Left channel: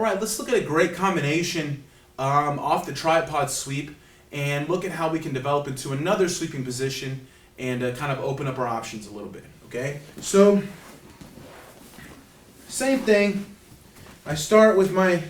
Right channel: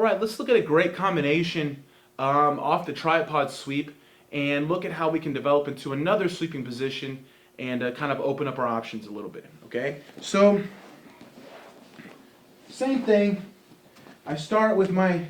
All right, let's look at a great combination off the tripod sweep and look at how we can develop into another sweeping position and kind of open up our options a little bit, okay? So, same thing. I start with my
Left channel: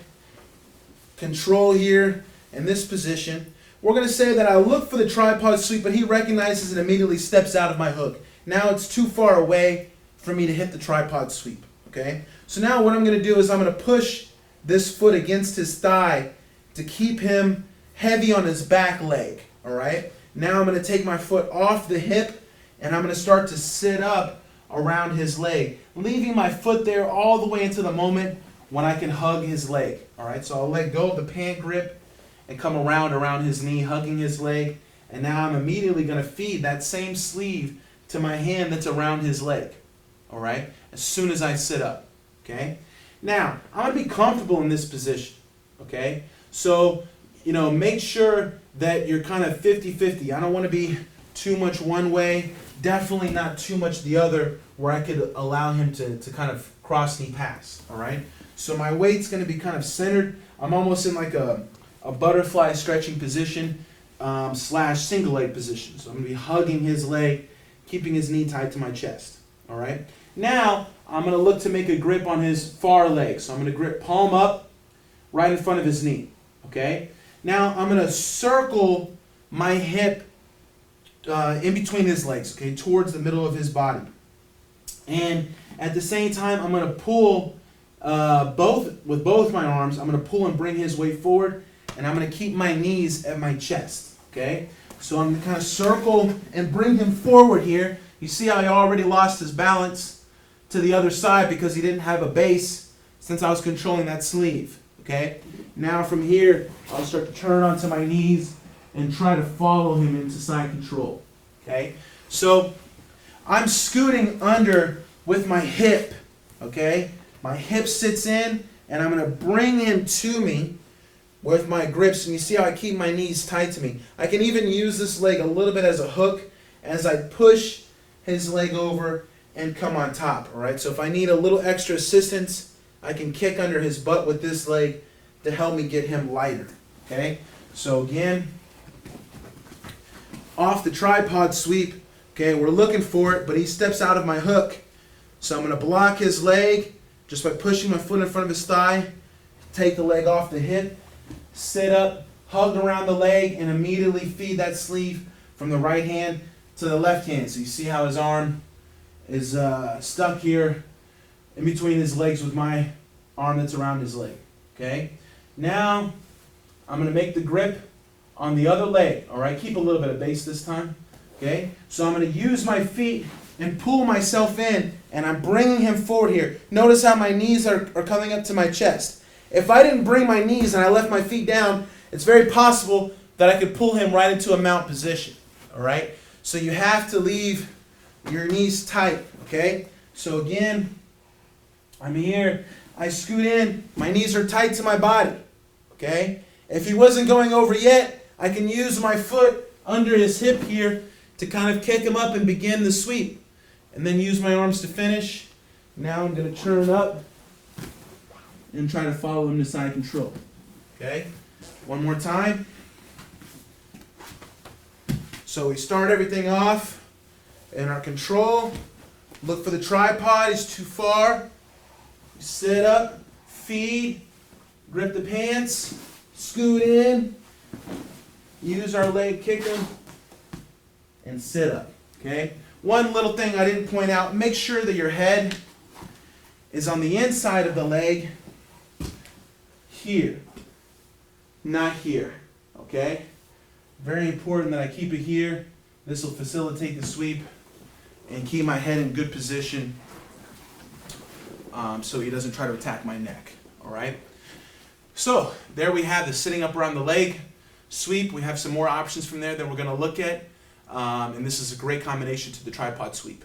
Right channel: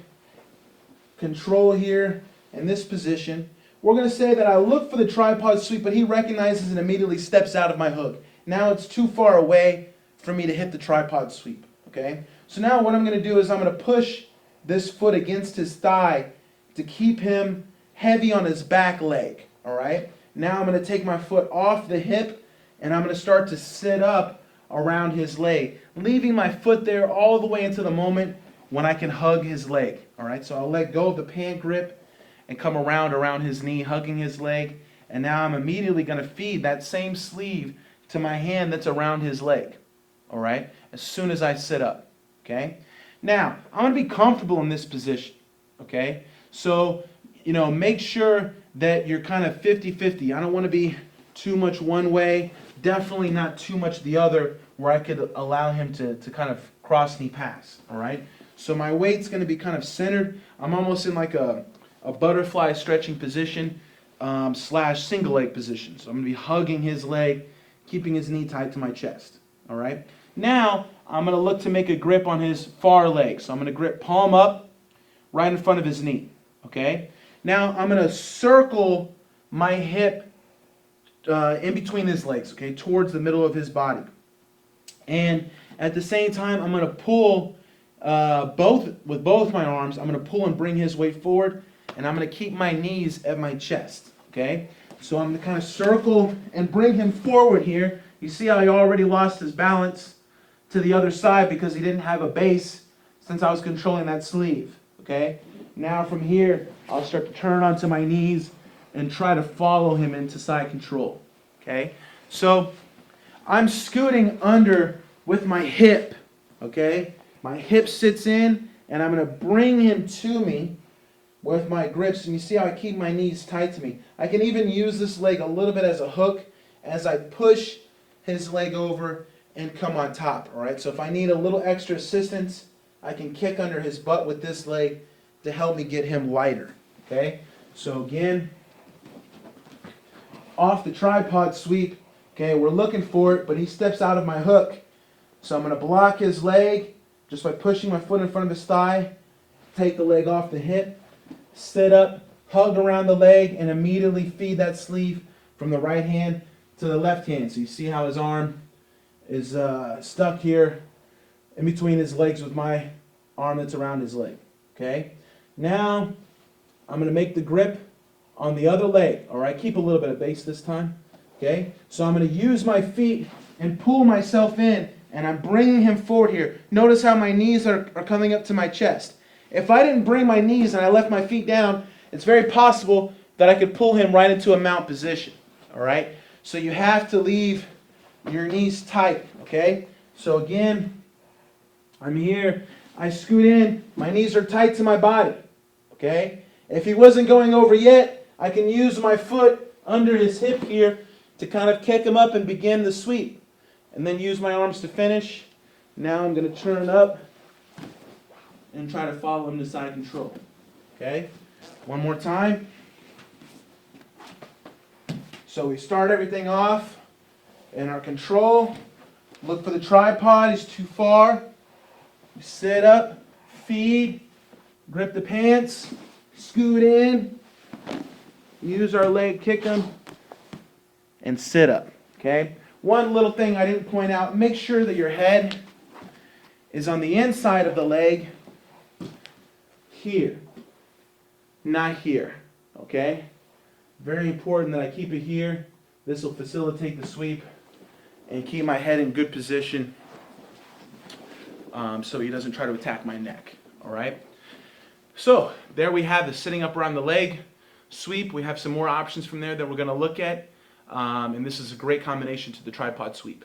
control here in this position. We're going to say that I look for the tripod sweep, but he recognizes and immediately steps out of my hook. Now it's too far away for me to hit the tripod sweep, okay? So now what I'm going to do is I'm going to push this foot against his thigh to keep him heavy on his back leg, all right? Now I'm going to take my foot off the hip and I'm going to start to sit up around his leg, leaving my foot there all the way into the moment when I can hug his leg, all right? So I'll let go of the pant grip and come around his knee, hugging his leg, and now I'm immediately going to feed that same sleeve to my hand that's around his leg, all right, as soon as I sit up, okay? Now, I'm going to be comfortable in this position, okay? So, you know, make sure that you're kind of 50-50. I don't want to be too much one way, definitely not too much the other, where I could allow him to kind of cross knee pass, all right? So my weight's going to be kind of centered. I'm almost in like a butterfly stretching position slash single leg position. So I'm going to be hugging his leg, keeping his knee tight to my chest, all right? Now, I'm going to look to make a grip on his far leg. So I'm going to grip palm up right in front of his knee, okay? Now, I'm going to circle my hip in between his legs, okay, towards the middle of his body. And at the same time, I'm going to pull with both my arms. I'm going to pull and bring his weight forward, and I'm going to keep my knees at my chest, okay? So I'm going to kind of circle and bring him forward here. You see how he already lost his balance to the other side because he didn't have a base since I was controlling that sleeve, okay? Now from here, I'll start to turn onto my knees and try to follow him into side control, okay? So I'm scooting under with my hip, okay? My hip sits in, and I'm going to bring him to me with my grips, and you see how I keep my knees tight to me. I can even use this leg a little bit as a hook as I push his leg over and come on top, all right? So if I need a little extra assistance, I can kick under his butt with this leg to help me get him lighter, okay? So again, off the tripod sweep, okay, we're looking for it, but he steps out of my hook. So I'm going to block his leg just by pushing my foot in front of his thigh, take the leg off the hip, sit up, hug around the leg, and immediately feed that sleeve from the right hand to the left hand. So you see how his arm is stuck here in between his legs with my arm that's around his leg, okay? Now, I'm going to make the grip on the other leg, all right? Keep a little bit of base this time, okay? So I'm going to use my feet and pull myself in, and I'm bringing him forward here. Notice how my knees are coming up to my chest. If I didn't bring my knees and I left my feet down, it's very possible that I could pull him right into a mount position, all right? So you have to leave your knees tight, okay? So again, I'm here. I scoot in. My knees are tight to my body, okay? If he wasn't going over yet, I can use my foot under his hip here to kind of kick him up and begin the sweep. And then use my arms to finish. Now I'm going to turn up and try to follow him to side control. Okay? One more time. So we start everything off in our control. Look for the tripod. It's too far. We sit up, feed, grip the pants, scoot in, use our leg, kick them, and sit up. Okay? One little thing I didn't point out, make sure that your head is on the inside of the leg here, not here, okay? Very important that I keep it here. This will facilitate the sweep and keep my head in good position so he doesn't try to attack my neck, all right? So there we have the sitting up around the leg sweep. We have some more options from there that we're going to look at. And this is a great combination to the tripod sweep.